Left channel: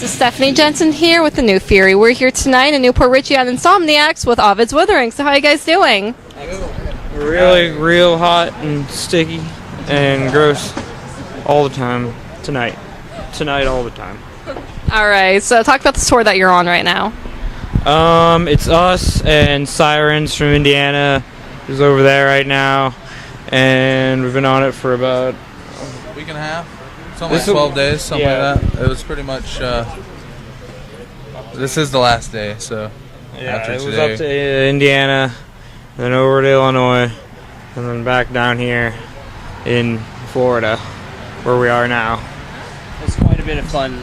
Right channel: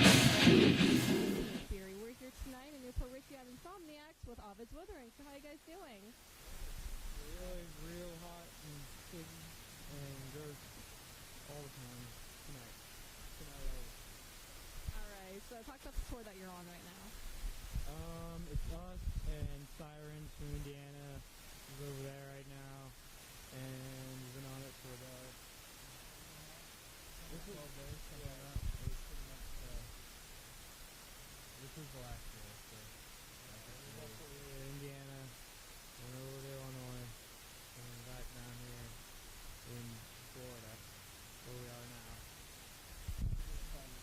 This is Stephanie Jensen here with the New Fury. We're here tonight in Newport Richey on Insomniacs with Ovid's Withering. So how are you guys doing? Really, real hot and sticky and gross all the time tonight. Tonight all the time. All right, so talk about the tour that you're on right now. It's us and Sirens from Indiana is over there right now, and we've been on it for about a week and a half. Something like 12 days, something like that. It was pretty much, this is the last day, so after it was today. up to Indiana, then over to Illinois, and then back down here in Florida, where we are now. It's quite a bit of fun.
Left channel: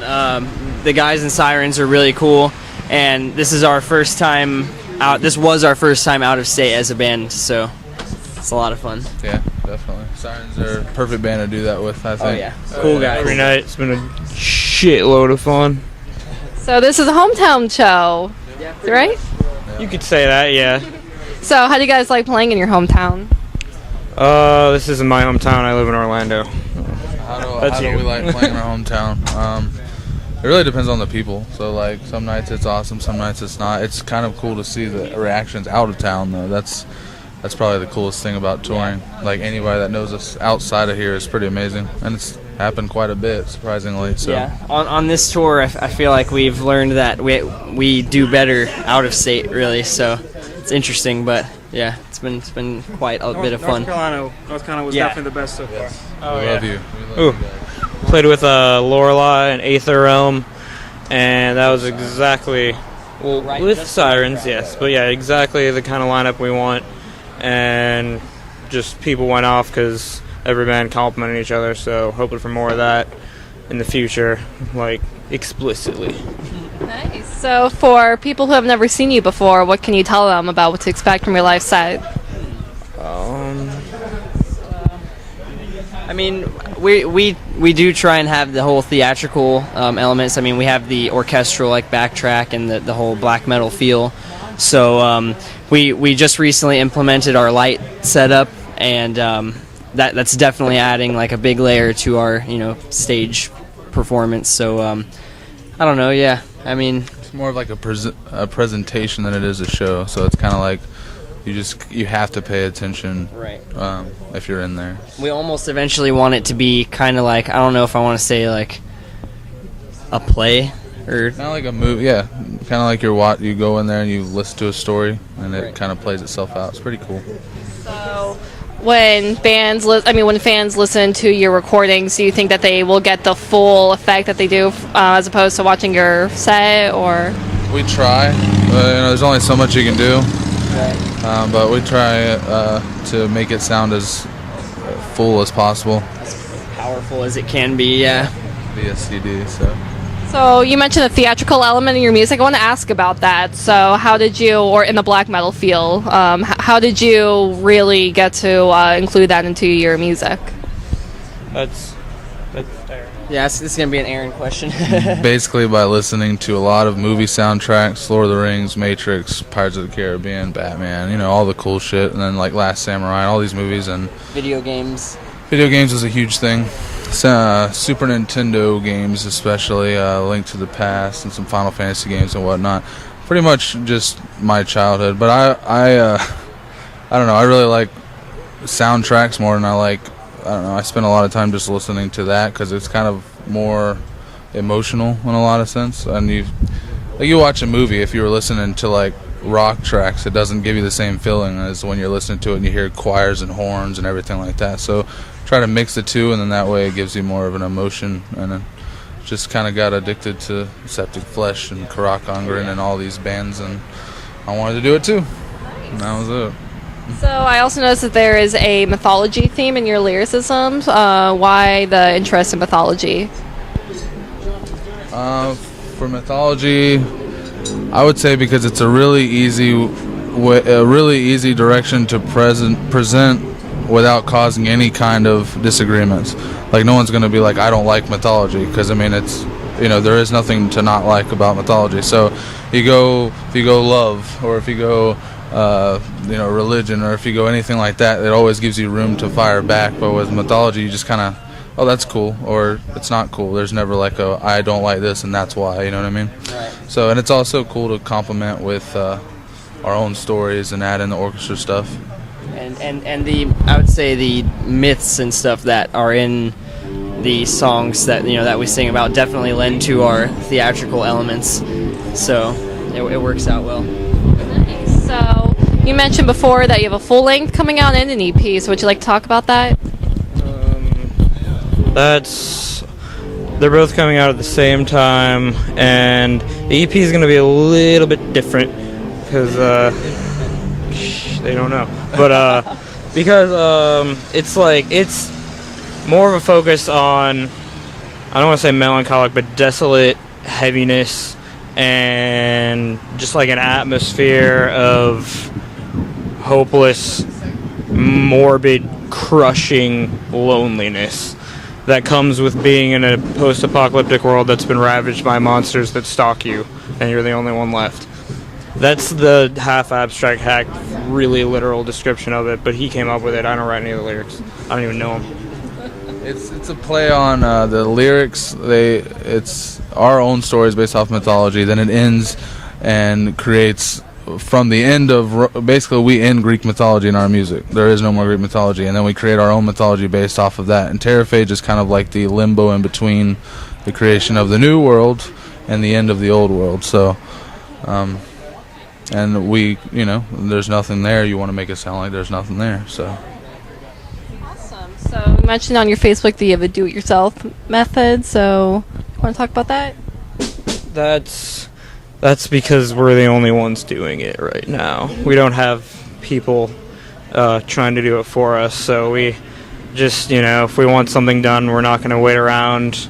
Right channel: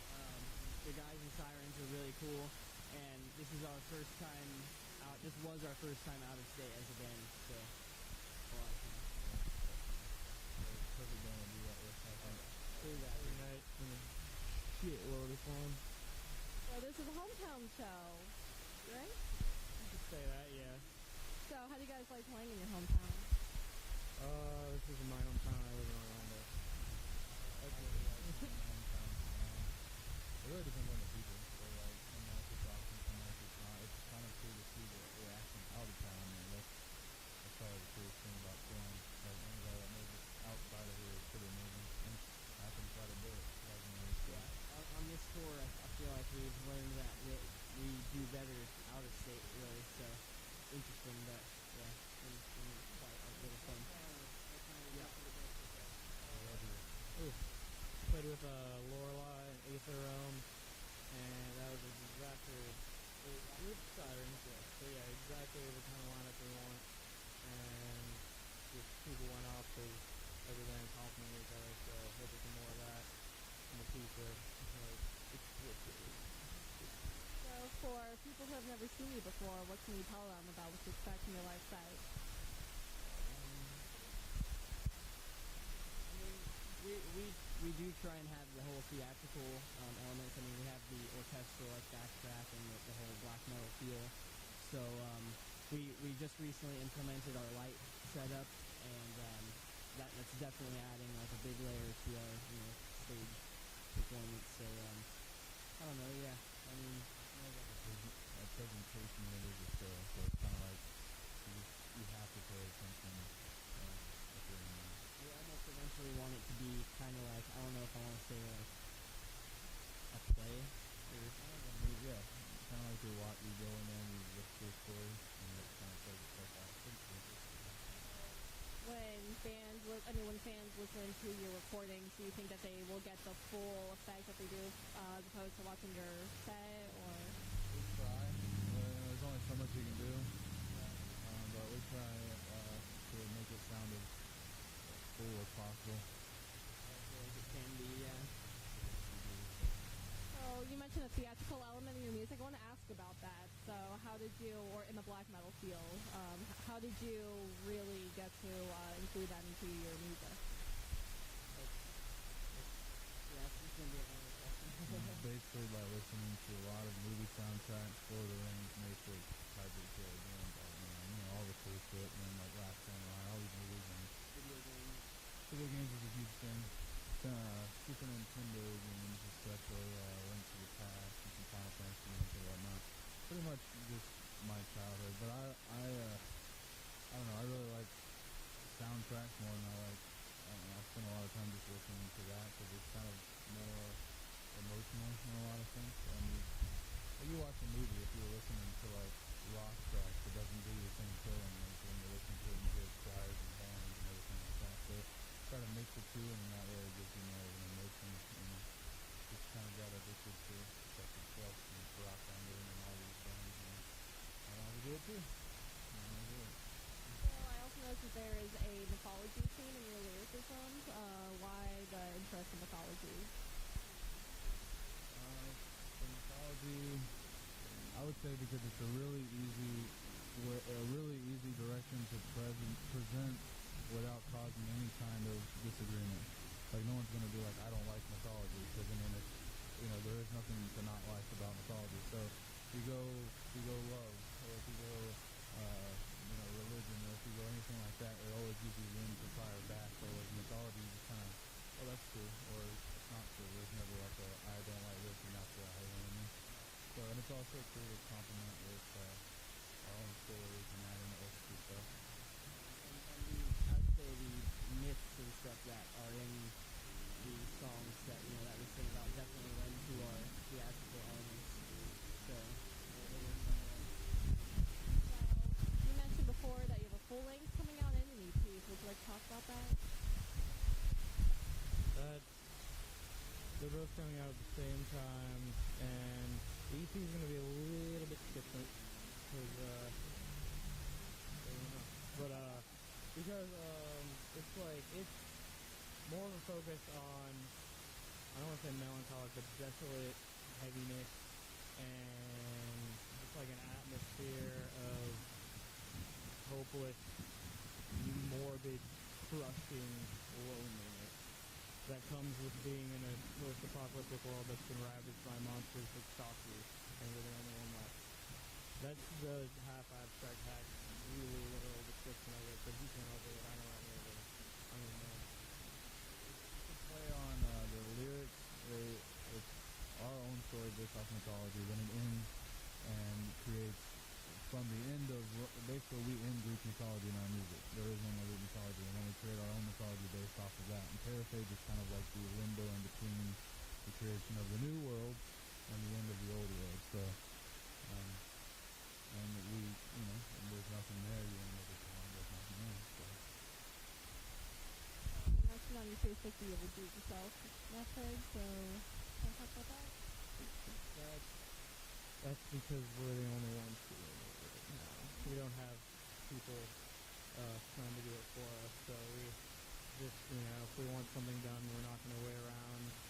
The guys in Sirens are really cool, and this is our first time out. This was our first time out of state as a band, so it's a lot of fun. Yeah, definitely. Sirens are a perfect band to do that with, I think. Oh yeah, cool guys. Every night, it's been a shitload of fun. So this is a hometown show, right? You could say that, yeah. So how do you guys like playing in your hometown? This isn't my hometown. I live in Orlando. How do we like playing in our hometown? It really depends on the people. So like some nights it's awesome, some nights it's not. It's kind of cool to see the reactions out of town though. That's probably the coolest thing about touring. Like anybody that knows us outside of here is pretty amazing, and it's happened quite a bit, surprisingly. So. Yeah, on this tour, I feel like we've learned that we do better out of state, really. So it's interesting, but yeah, it's been quite a bit of fun. North Carolina was definitely the best so far. Oh, we love you. Ooh. Played with Lorelei and Aether Realm, and that was exactly with Sirens, yes, but yeah, exactly the kind of lineup we want. And just people went off because every band complimented each other, so hoping for more of that in the future, like explicitly. Nice. So for people who have never seen you before, what can you tell them about what to expect from your live set? I mean, we do try and have the whole theatrical elements. I mean, we have the orchestral like backtrack and the whole black metal feel. So we just recently implemented our light setup, and that's definitely adding like a big layer to our stage performance. So I don't know. Yeah, I mean, it's more of like a presentation than it is a show. So it's kind of like you have to pay attention, right? If you're in there. We almost eventually want it to be kind of like, I don't know if I want to say like a play. Or kind of like a movie, yeah. Kind of like you go in there and you listen to a story, and it kind of plays itself out. It's pretty cool. So, when fans listen to your recordings, do you think that they will get the full effect that they do as opposed to watching your set, or? We try. There's only so much you can do. Right. But we try to make it sound as full as possible. As powerful as it can be, yeah. Via CD, So you mentioned a theatrical element in your music. I want to ask about that. So how did you, or in the black metal feel, how did you really get to include that into your music? That's Yeah, this is going to be an Aaron question. Basically by listening to a lot of movie soundtracks, Lord of the Rings, Matrix, Pirates of the Caribbean, Batman, all the cool shit, and then like Last Samurai, all these movies, and Video games. Video games was a huge thing. Super Nintendo games, especially Link to the Past and some Final Fantasy games and whatnot. Pretty much just my childhood. But I don't know. I really like soundtracks more than I spend a lot of time just listening to that because it's kind of more emotional in a lot of sense. And you watch a movie, if you were listening to like rock tracks, it doesn't give you the same feeling as when you're listening to it and you hear choirs and horns and everything like that. So try to mix the two, and then that way it gives you more of an emotion. And then just kind of got addicted to Septic Flesh and Karak Ongren and all these bands, and I wanted to do it too. And that was it. So I also noticed that there is a mythology theme in your lyricisms. Why the interest in mythology? For mythology, I would say because it's a really easy direction to present without causing any kind of disagreements. Like no one's going to be like, I don't like mythology, because I mean it's there is nothing to not like about mythology. So if you go love, or if you go religion, or if you go anything like that, it always gives you room to fire back. But with mythology, you just kind of oh, that's cool, or it's not cool. There's never like a I don't like this and that's why, you know what I mean? Right. So, and it's also cool to complement with our own stories and add in the orchestra stuff. And the I would say the myths and stuff that are in the songs that that we sing about definitely lend to our theatrical elements. So it works out well. Nice. So you mentioned before that you have a full length coming out and an EP. So would you like to talk about that? They're both coming out at the same time, and the EP is going to be a little bit different because they don't know, but because it's more of a focus on, I don't want to say melancholic, but desolate heaviness and just like an atmosphere of hopeless, morbid, crushing loneliness that comes with being in a post-apocalyptic world that's been ravaged by monsters that stalk you, and you're the only one left. That's the half abstract, half really literal description of it, but he came up with it. I don't write any of the lyrics. I don't even know him. It's a play on the lyrics. It's our own stories based off mythology. Then it ends and creates from the end of basically we end Greek mythology in our music. There is no more Greek mythology, and then we create our own mythology based off of that. And Terraphage is kind of like the limbo in between the creation of the new world and the end of the old world. So, and we, there's nothing there. You want to make it sound like there's nothing there. So. Awesome. So you mentioned on your Facebook that you have a do-it-yourself method. So want to talk about that? That's because we're the only ones doing it right now. We don't have people trying to do it for us, so we just, if we want something done, we're not going to wait around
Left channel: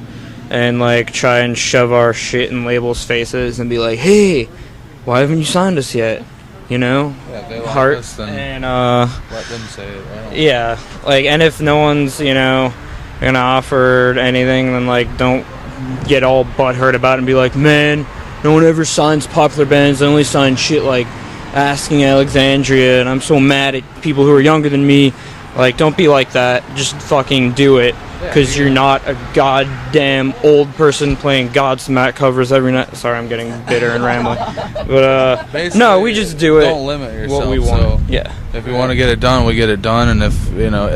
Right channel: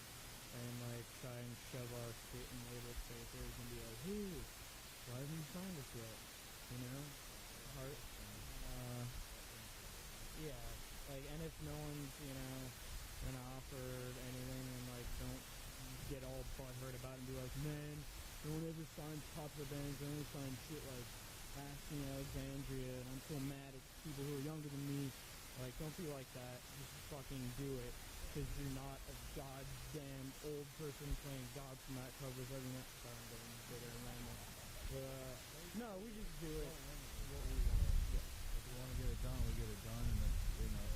and, try and shove our shit in labels' faces and be like, hey, why haven't you signed us yet? Yeah, if they like us, then let them say it, right? Yeah, and if no one's, gonna offer anything, then, don't get all butthurt about it and be like, man, no one ever signs popular bands. They only sign shit like Asking Alexandria, and I'm so mad at people who are younger than me. Don't be like that. Just fucking do it, because you're not a goddamn old person playing Godsmack covers every night. Sorry, I'm getting bitter and rambling. But, no, we just do it. Don't limit yourself. What we want. So yeah. If we want to get it done, we get it done, and if,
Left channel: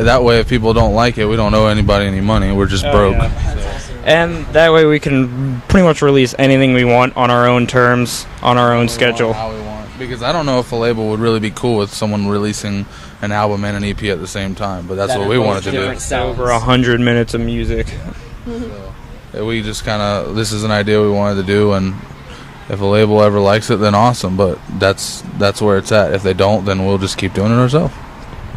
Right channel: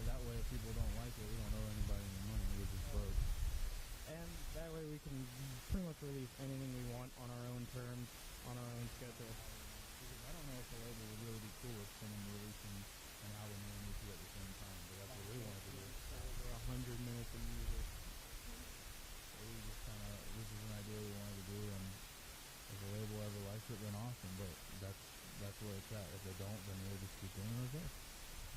that way if people don't like it, we don't owe anybody any money. We're just broke. Yeah. And that way we can pretty much release anything we want on our own terms, on our own schedule. How we want. Because I don't know if a label would really be cool with someone releasing an album and an EP at the same time, but that's what we wanted to do. Over 100 minutes of music. So, we just this is an idea we wanted to do, and if a label ever likes it, then awesome, but that's where it's at. If they don't, then we'll just keep doing it ourselves.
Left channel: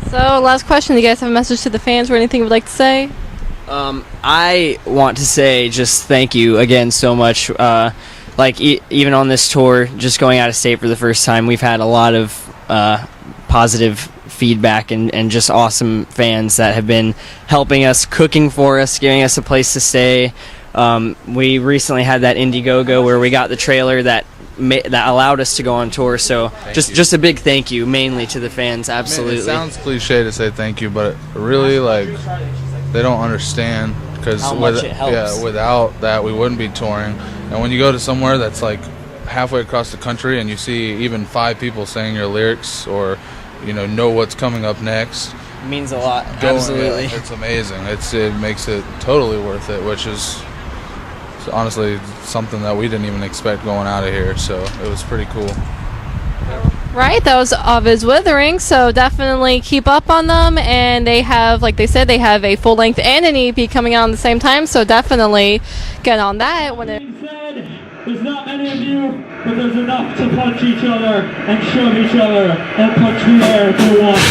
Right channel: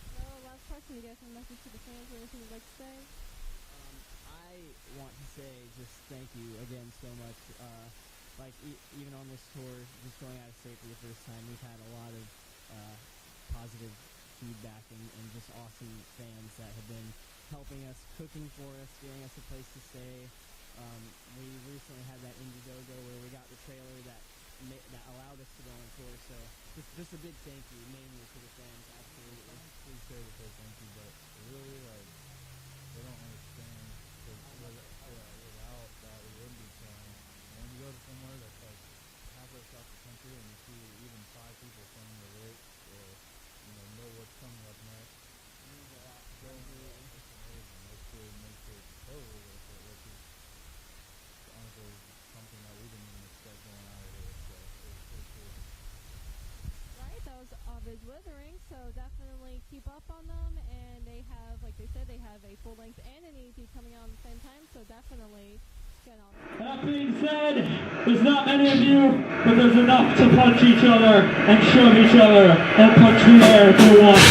So last question, do you guys have a message to the fans or anything you would like to say? I want to say just thank you again so much. Even on this tour, just going out of state for the first time, we've had a lot of positive feedback and just awesome fans that have been helping us, cooking for us, giving us a place to stay. We recently had that Indiegogo where we got the trailer that allowed us to go on tour. So just a big thank you, mainly to the fans. Absolutely. Man, it sounds cliche to say thank you, but really they don't understand, because without that we wouldn't be touring. And when you go to somewhere that's halfway across the country and you see even 5 people saying your lyrics or know what's coming up next, it means a lot. Absolutely. Yeah, it's amazing. It makes it totally worth it, which is honestly something that we didn't even expect going out of here, so it was pretty cool. Right, that was Ovid's Withering, so definitely keep up on them, and they have, like they said, they have a full length and an EP coming out at the same time, so definitely get on that. There's not many of you, but there's enough to punch each other and shove each other and punch the air if you want.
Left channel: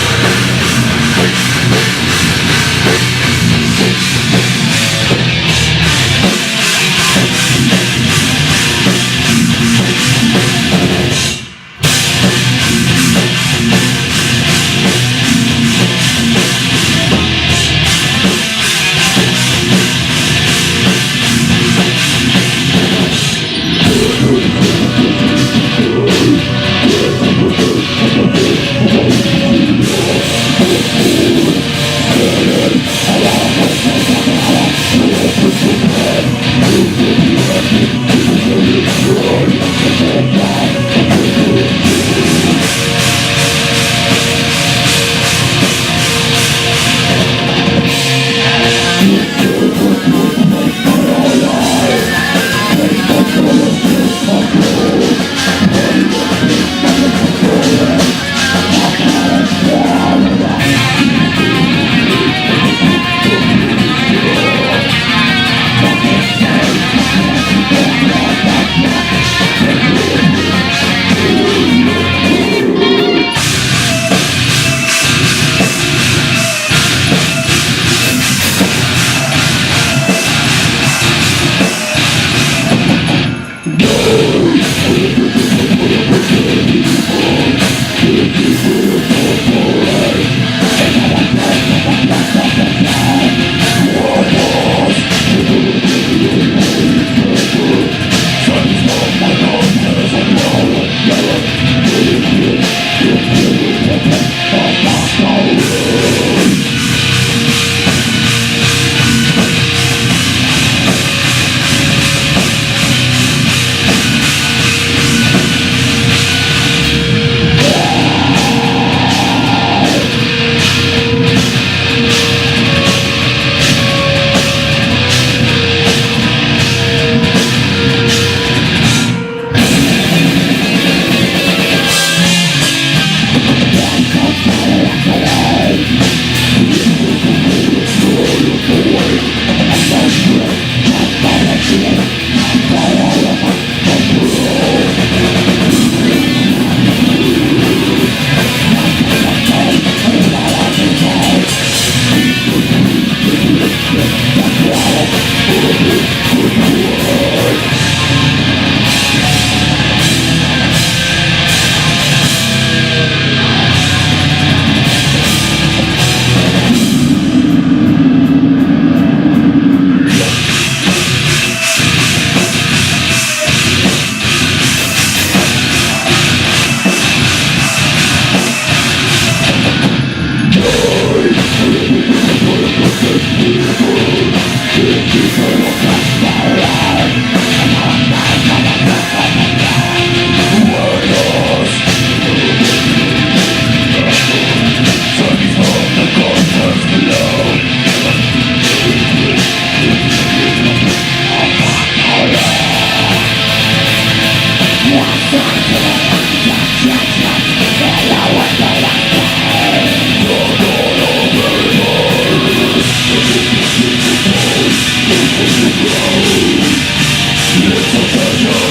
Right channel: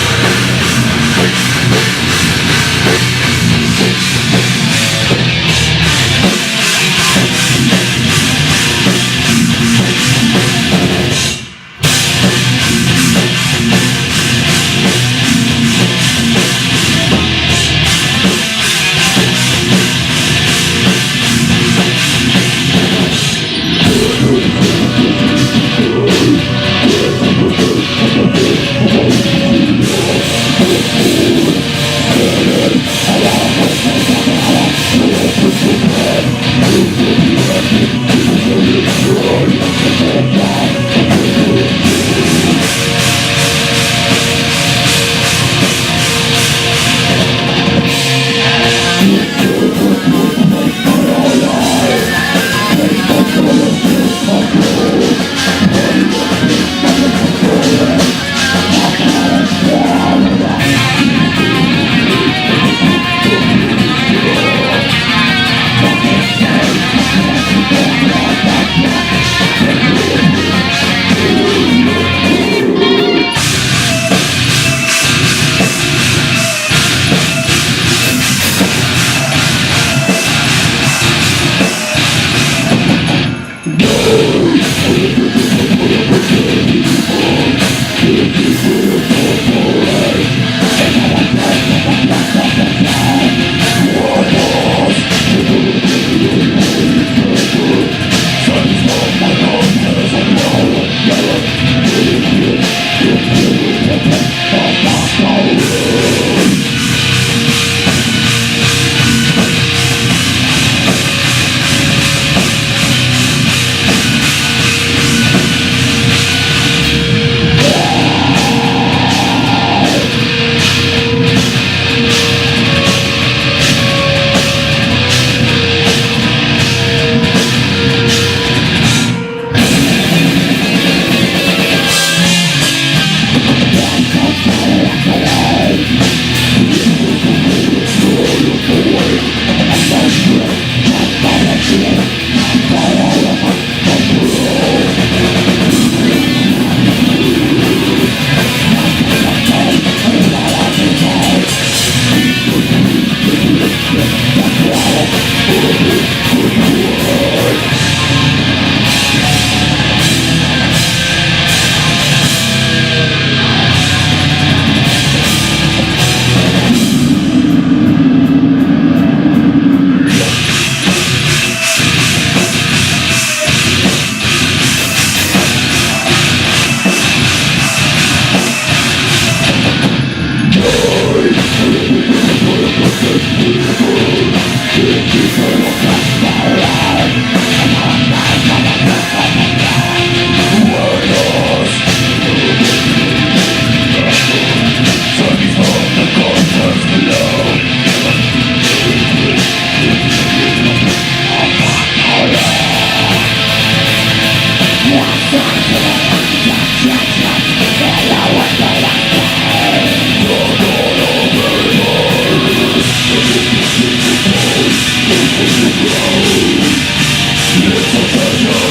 It's a pleasure,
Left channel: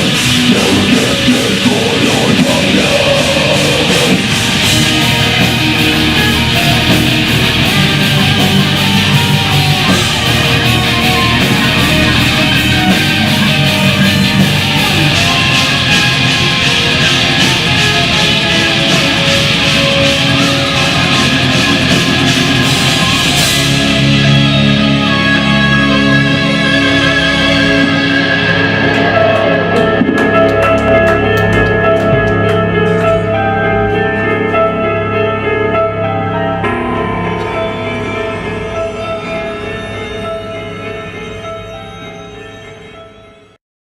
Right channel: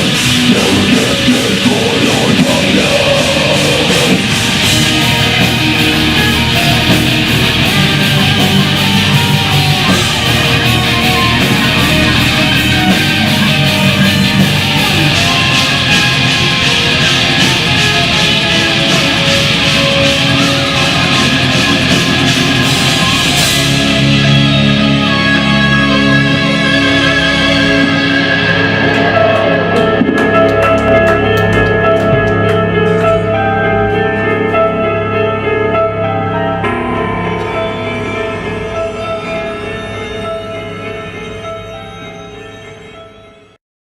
never get bored or hung out.